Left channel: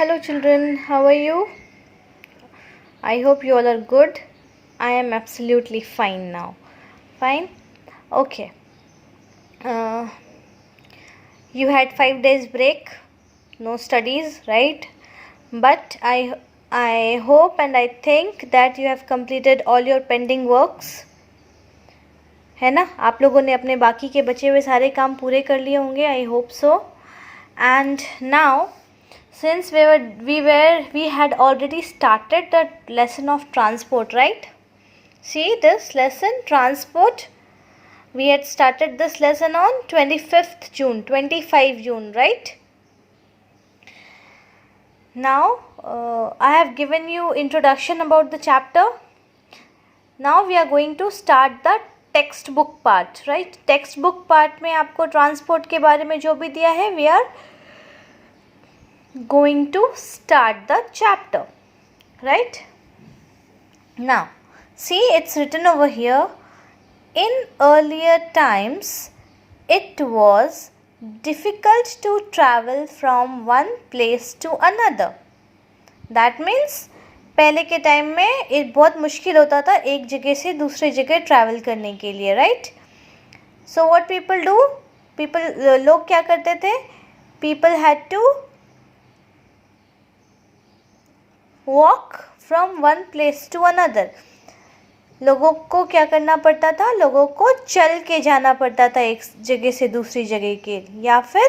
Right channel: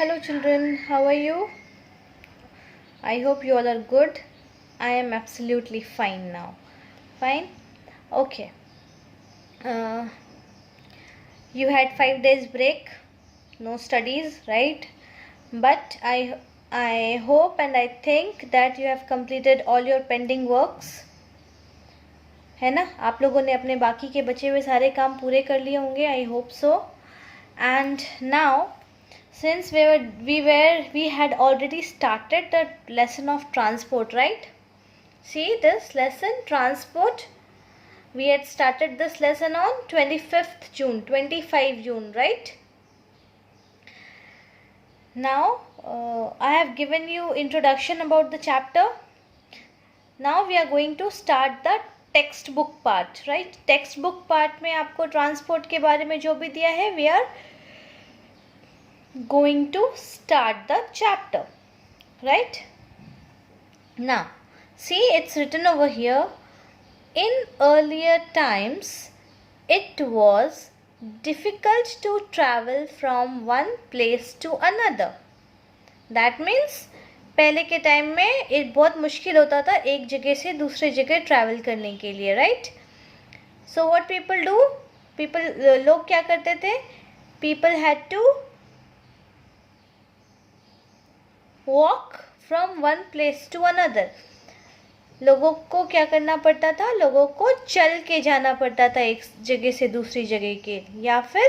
Hello children, how are you? I hope you all are good. I am absolutely fine now. Fine? Okay. Uh, you had 5 days break, no studies, right? But I hope and I think that you have completed all your pending works. है ना, आप लोगों ने अपने बाकी के बचे हुए सारे काम पूरे कर लिए होंगे. I hope so. And now, since we had already started the lesson of transport, right? See this lesson, transport. We had started this lesson on 25th June, 25 June, right? Now, I have given you introduction about the chapter. Now we are going to start the text book part, right. Text book part में आपको transport के बारे में जो भी दिया है, we are going to start the chapter, right? Now see, it's written over here, in earlier times it was difficult to travel from one place to another. That means पहले के टाइम में एक बहुत मुश्किल होता था एक जगह से दूसरे जगह ट्रैवल करने के लिए, right. So what people do, लोग क्या करते थे, people had to walk from one place to another. लोगों को क्या करना पड़ता था, लोगों को चल के जाना पड़ता था एक जगह से दूसरी जगह के, या फिर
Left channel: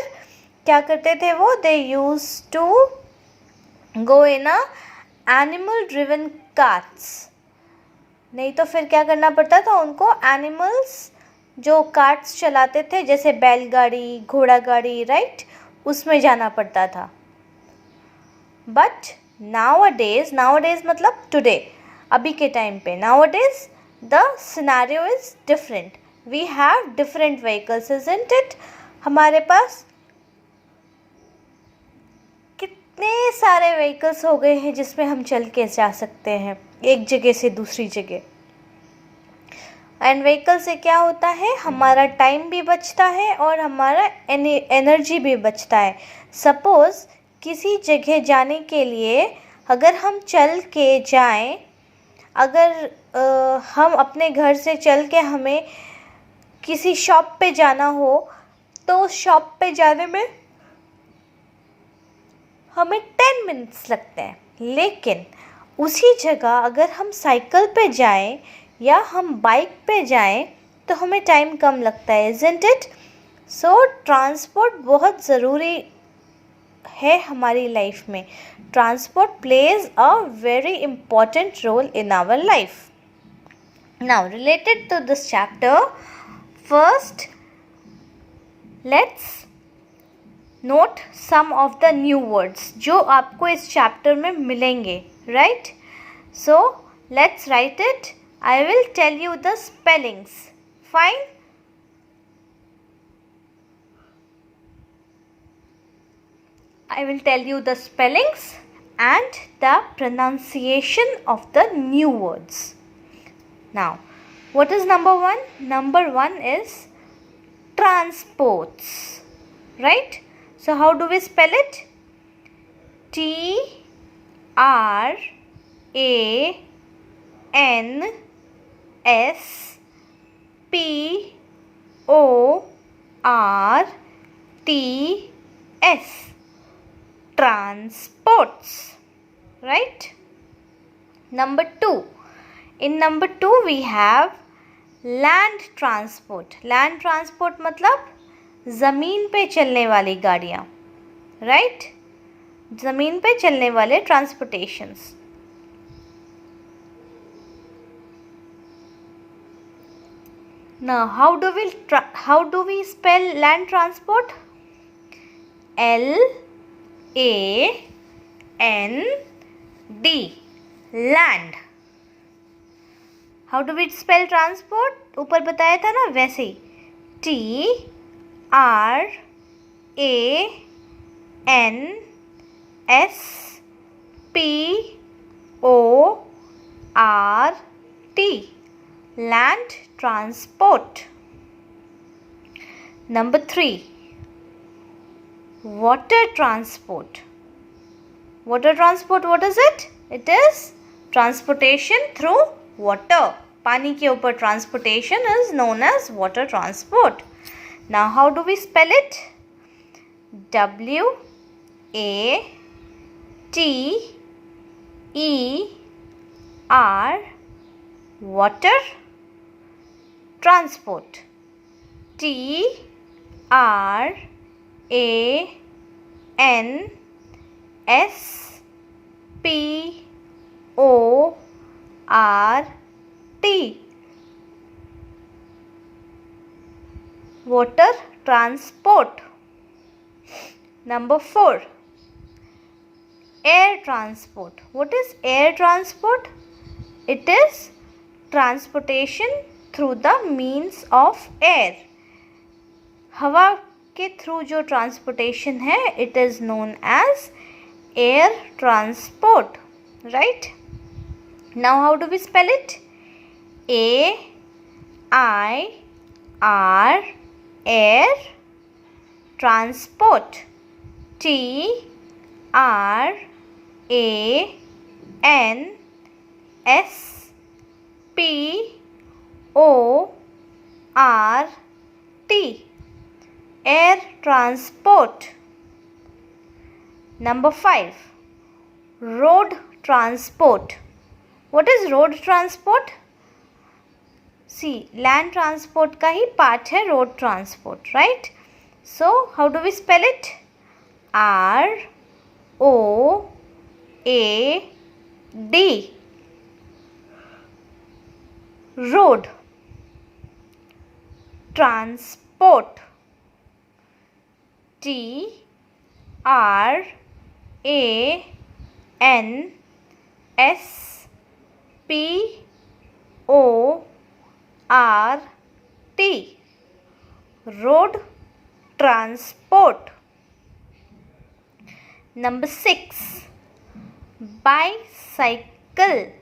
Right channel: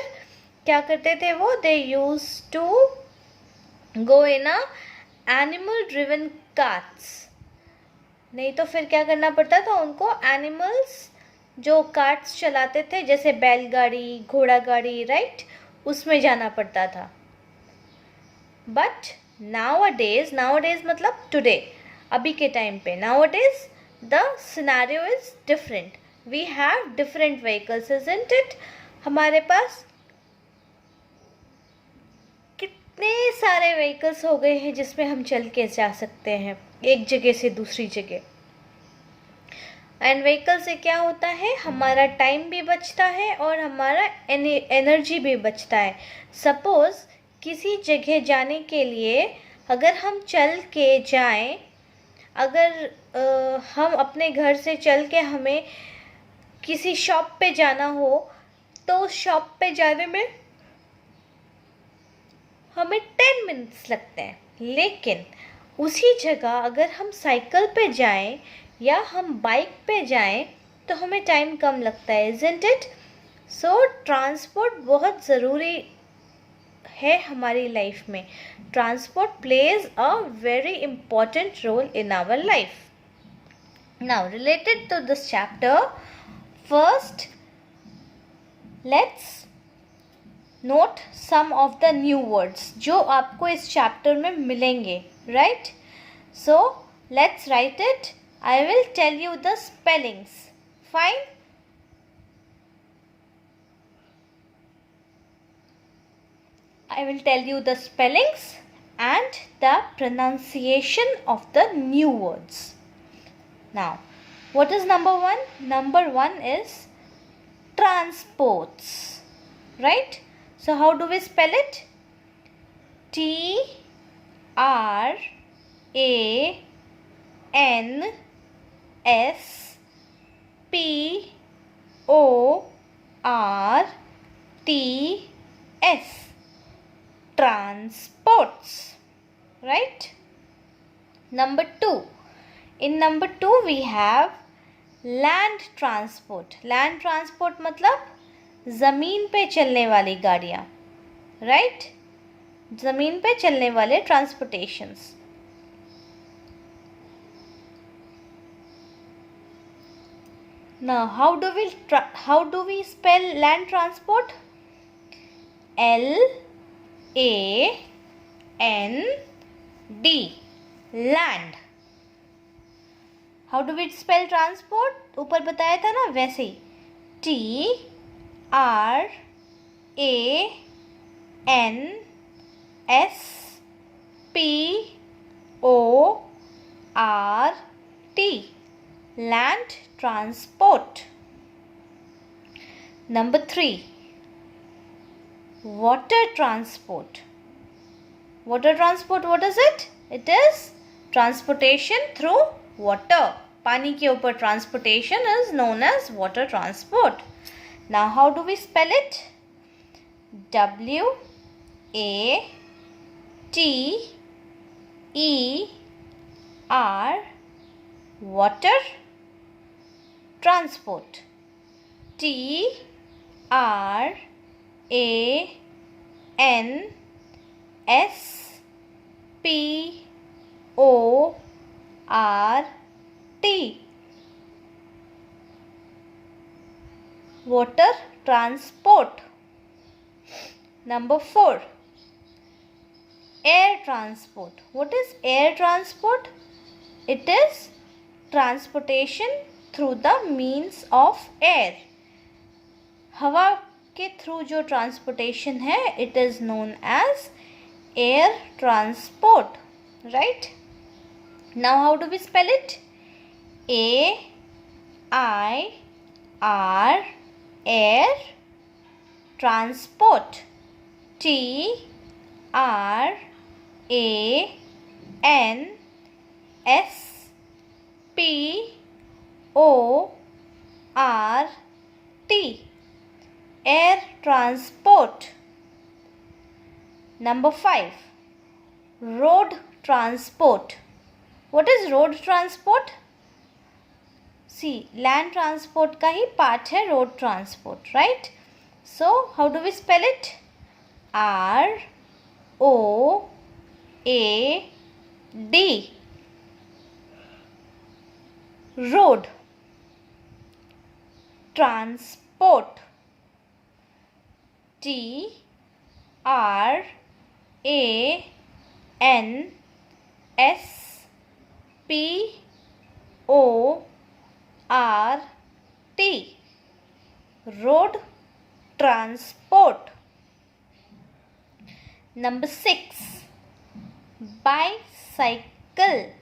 क्या करते थे वो, they used to go in a animal driven carts. नहीं तो फिर क्या करना पड़ता था उनको, एनिमल्स जो कार्ट्स चलाते थे जैसे बैलगाड़ी, घोड़ा गाड़ी, राइट, उसमें जाना पड़ता था. बट nowadays मतलब टुडे, अभी के टाइम पे, nowadays the scenario is different. We have different vehicles, isn't it? हमारे पास कितने सारे व्हीकल्स हो गए हैं जिसमें हम चल के जा सकते हैं एक जगह से दूसरी जगह. एंड व्हीकल से क्या होता है, हमारा टाइम भी बचता है और हमारा एनर्जी भी बचता है. सपोज़ किसी जगह जाने के लिए अगर हम चल के जाएं, अगर हम अपने घर से चल के हमें किसी शॉप पे जाना हो, तो शॉप पे जाने में हमें 10 मिनट्स लगते हैं. लेकिन उसी जगह अगर हम साइकिल पे जाएं या हम बाइक पे जाएं तो हमें टाइम कम लगता है, isn't it? सो ट्रांसपोर्ट बहुत ज़रूरी है हमारी लाइफ में. Transport plays a very important role in our life. Now related to this chapter, first let's note some of the new words जो आपको इस चैप्टर में मिलेंगे, right. So let's write it. I will tell you the spellings. Fine. I will tell you the spellings and the pronunciation of the new words. Now, what is number one? Number one is transports, right? So, how do we spell it? Transports. Transports, right? Number two. In number two we have land transport. Land transport मतलब ज़मीन पे चलने वाली गाड़ियाँ, right? ज़मीन पे चलने वाले transportations. Now how do we spell land transport? L-A-N-D, land. How do we spell transport? ऊपर बताया था ना, वैसे ही. T-R-A-N-S-P-O-R-T, land transport. Number three, water transport. Water transport, what is it? It is transportation through water. पानी के ऊपर transportation is known as water transport. Now how do we spell it? W-A-T-E-R, water transport. T-R-A-N-S-P-O-R-T, water transport. Number 4, air transport. What is air transport? It is transportation through the means of air. हवा के through जो transportation है, it is known as air transport, right? Now how do we spell it? A-I-R, air transport. T-R-A-N-S-P-O-R-T, air transport. Number 5, road transport. What is road transport? See, land transport का ही part है road transport, right? So how do we spell it? R-O-A-D, road transport. T-R-A-N-S-P-O-R-T, road transport. Number 6, bicycle.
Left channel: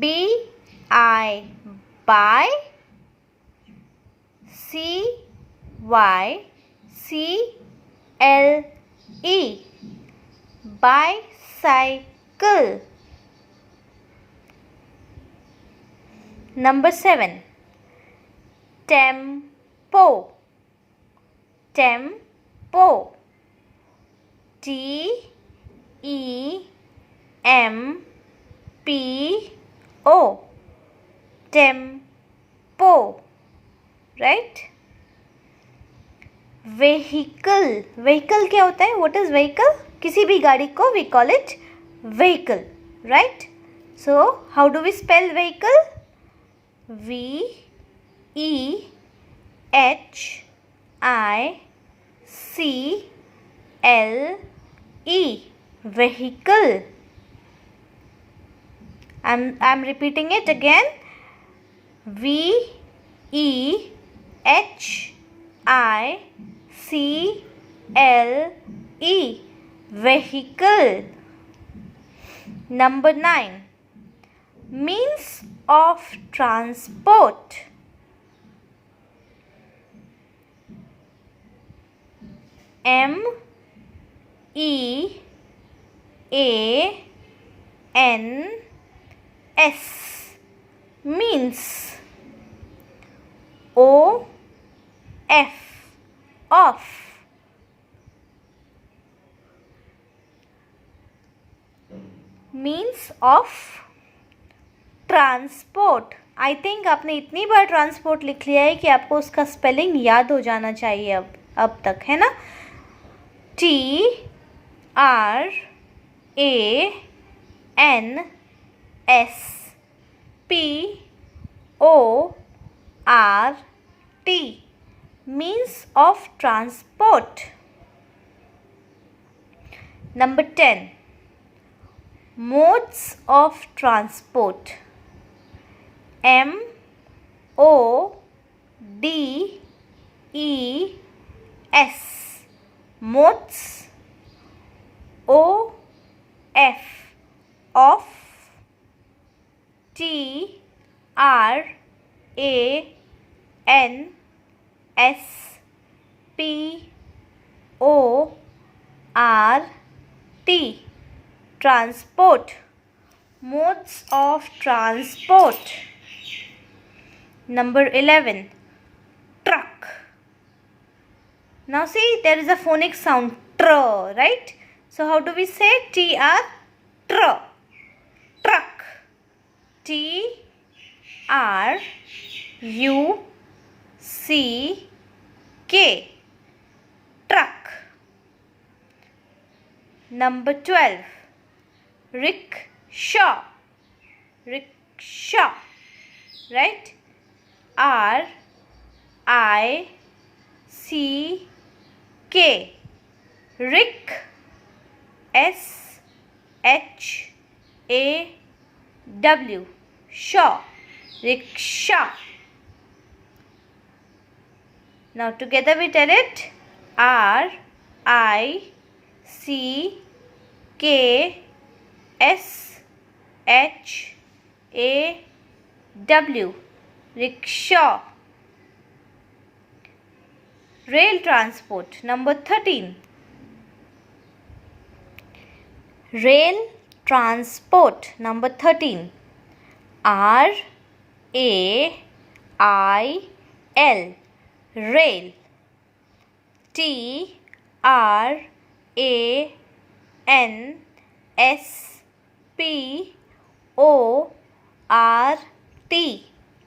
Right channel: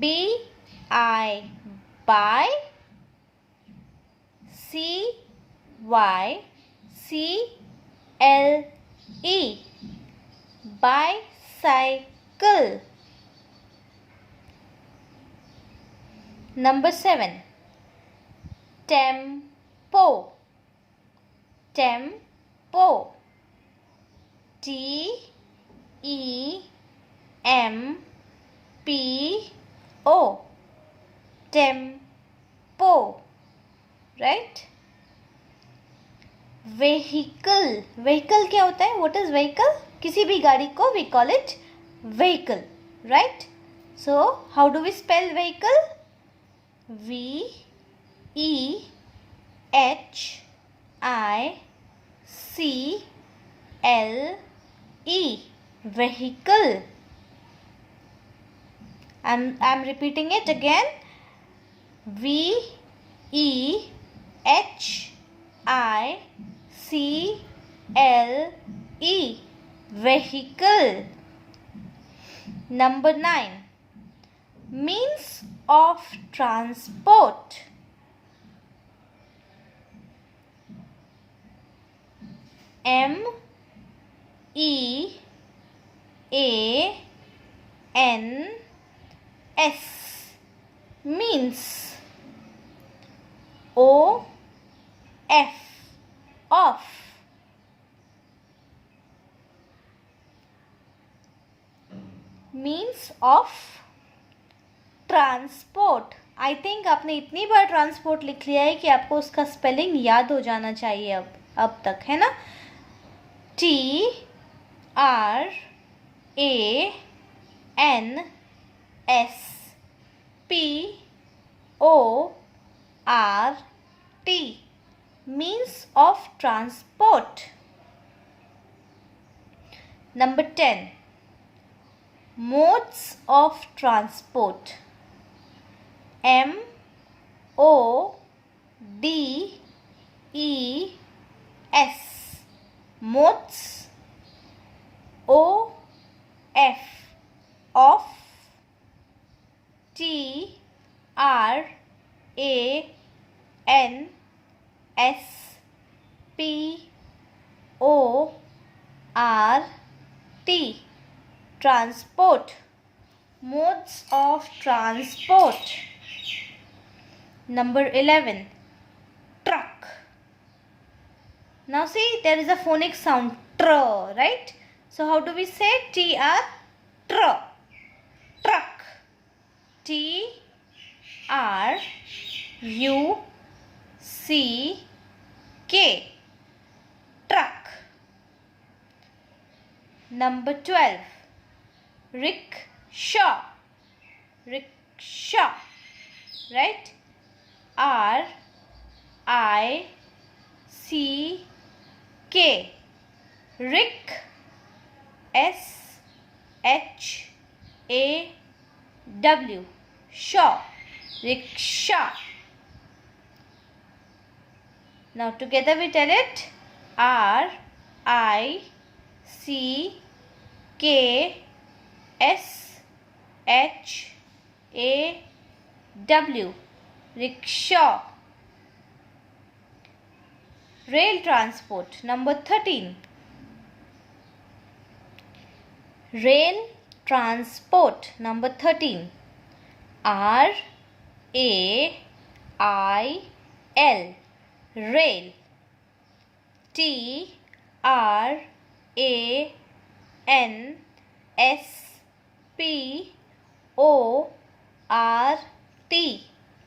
B-I, by, C-Y-C-L-E, bicycle. Number 7, tempo. Tempo. T-E-M-P-O, tempo, right? Vehicle. Vehicle क्या होता है? What is vehicle? किसी भी गाड़ी को we call it vehicle, right? So how do we spell vehicle? V-E-H-I-C-L-E, vehicle. I'm repeating it again. V-E-H-I-C-L-E, vehicle. Number 9, means of transport. M-E-A-N-S, means. O-F, of, means of transport. I think आपने इतनी बार transport लिख लिया है कि आपको उसका spelling याद हो जाना चाहिए अब तक, है ना? T-R-A-N-S-P-O-R-T, means of transport. Number 10, modes of transport. M-O-D-E-S, modes. O-F, of. T-R-A-N-S-P-O-R-T, T. Transport. Modes of transport. Number 11. Truck. Now see, there is a phonic sound tr, right? So how do we say tr? Tr. Truck. TRUCK. Truck. Number 12. Rickshaw. Rickshaw. Right? RICK. Rick. SHAW. Shaw. Rickshaw. Now together we tell it. RICKSHAW. Rickshaw. Rail transport. Number 13. Rail transport. Number 13. RAIL. Rail. TRANSPORT.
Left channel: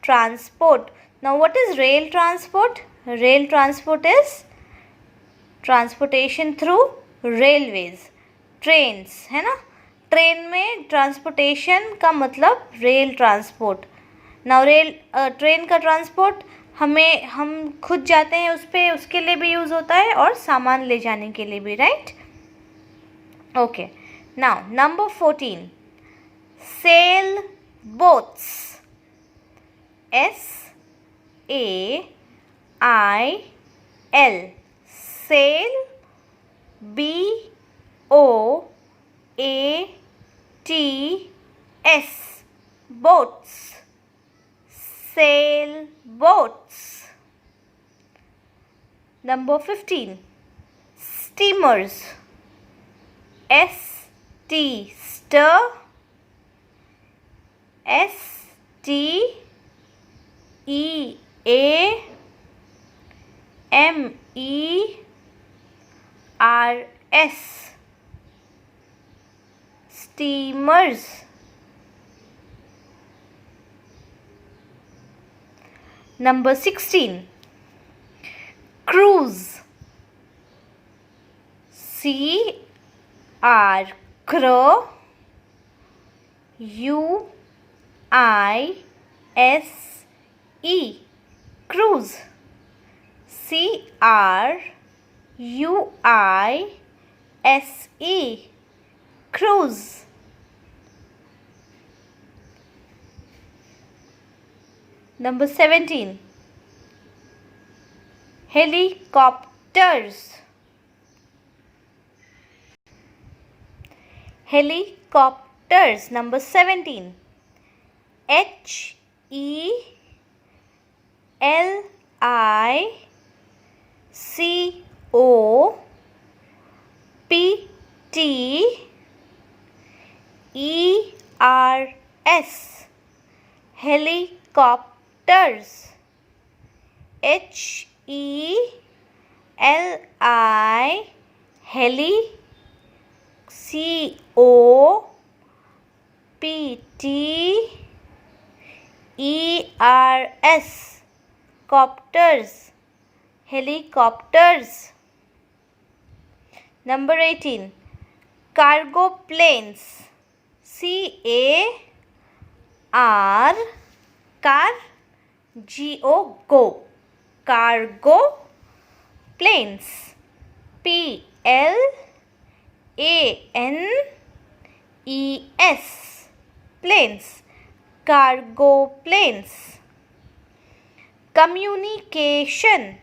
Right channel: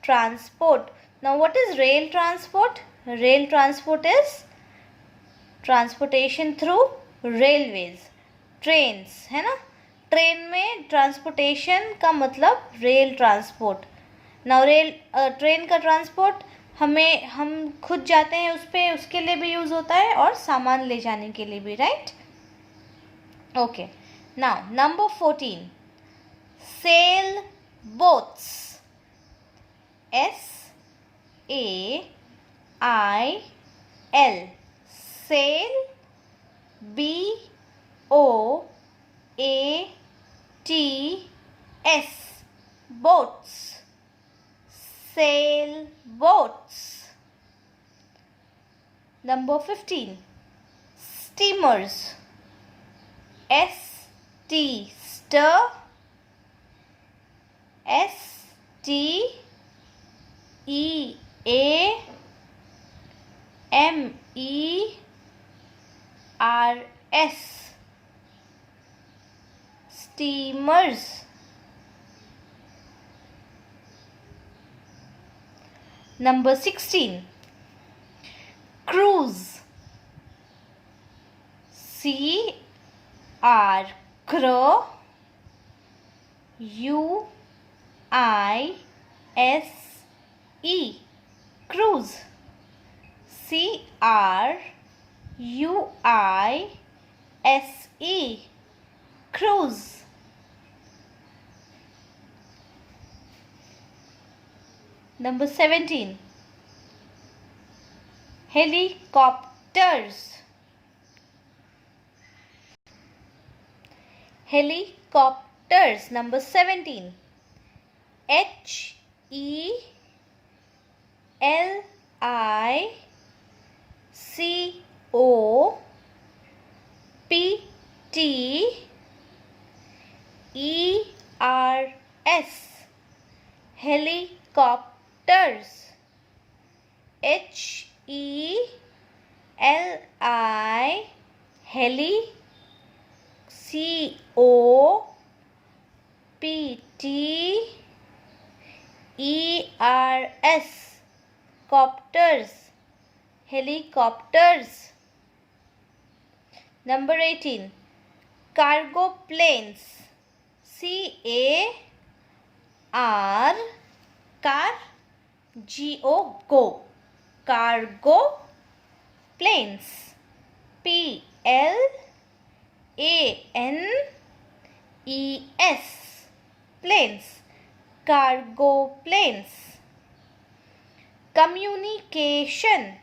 Transport. Now what is rail transport? Rail transport is transportation through railways. Trains है ना. Train में transportation का मतलब rail transport. Now rail train का transport हम खुद जाते हैं उस पर, उसके लिए भी यूज़ होता है और सामान ले जाने के लिए भी, right. Okay. Now number 14. Sail boats. SAIL. Sail. BOATS. boats. Sail boats. Number 15. Steamers. ST. Stir. STEAMERS. Steamers. Number 16. Cruise. Crow. UISE. Cruise. CRUISE. Cruise. Number 17. Helicopters. Helicopters. Number 17. HELICOPTERS. Helicopters. Heli. COPTERS. Copters. Helicopters. Number 18. Cargo planes. CAR. Car. GO. Go. Cargo planes. PLANES. Planes. Cargo planes. Communication.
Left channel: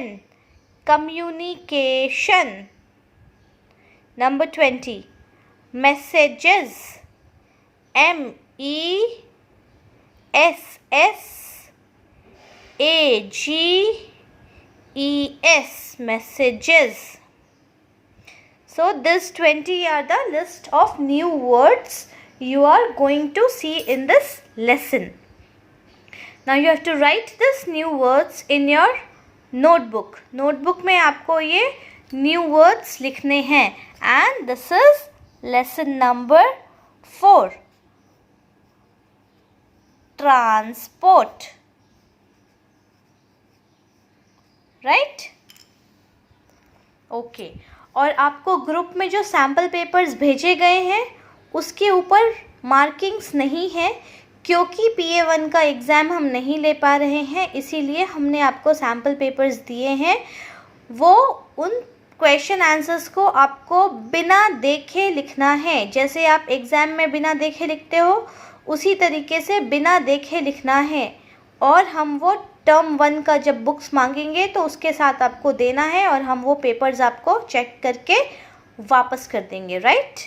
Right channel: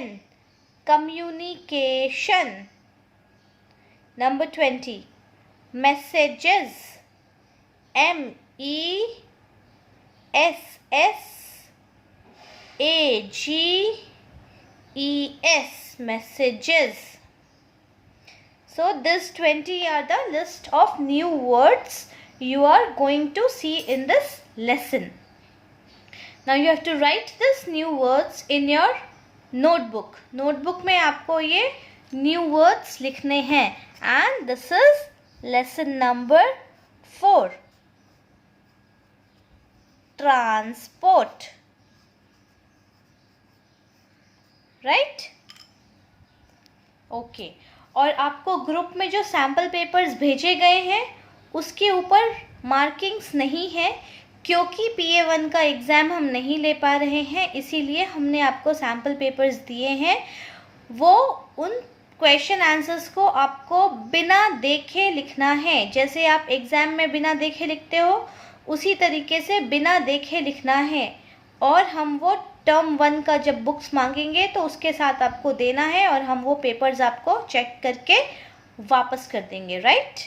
COMMUNICATION. Communication. Number 20. messages, MESSAGES, messages. So these 20 are the list of new words you are going to see in this lesson. Now you have to write this new words in your notebook. Notebook में आपको ये new words लिखने हैं. And this is lesson number 4. Transport. Right? Okay. और आपको group में जो sample papers भेजे गए हैं उसके ऊपर मार्किंग्स नहीं है, क्योंकि PA1 का एग्ज़ाम हम नहीं ले पा रहे हैं, इसीलिए हमने आपको सैम्पल पेपर्स दिए हैं. वो उन क्वेश्चन आंसर्स को आपको बिना देखे लिखना है. जैसे आप एग्ज़ाम में बिना देखे लिखते हो उसी तरीके से बिना देखे लिखना है. और हम वो टर्म 1 का जब बुक्स मांगेंगे तो उसके साथ आपको देना है और हम वो पेपर्स आपको चेक करके वापस कर देंगे. राइट?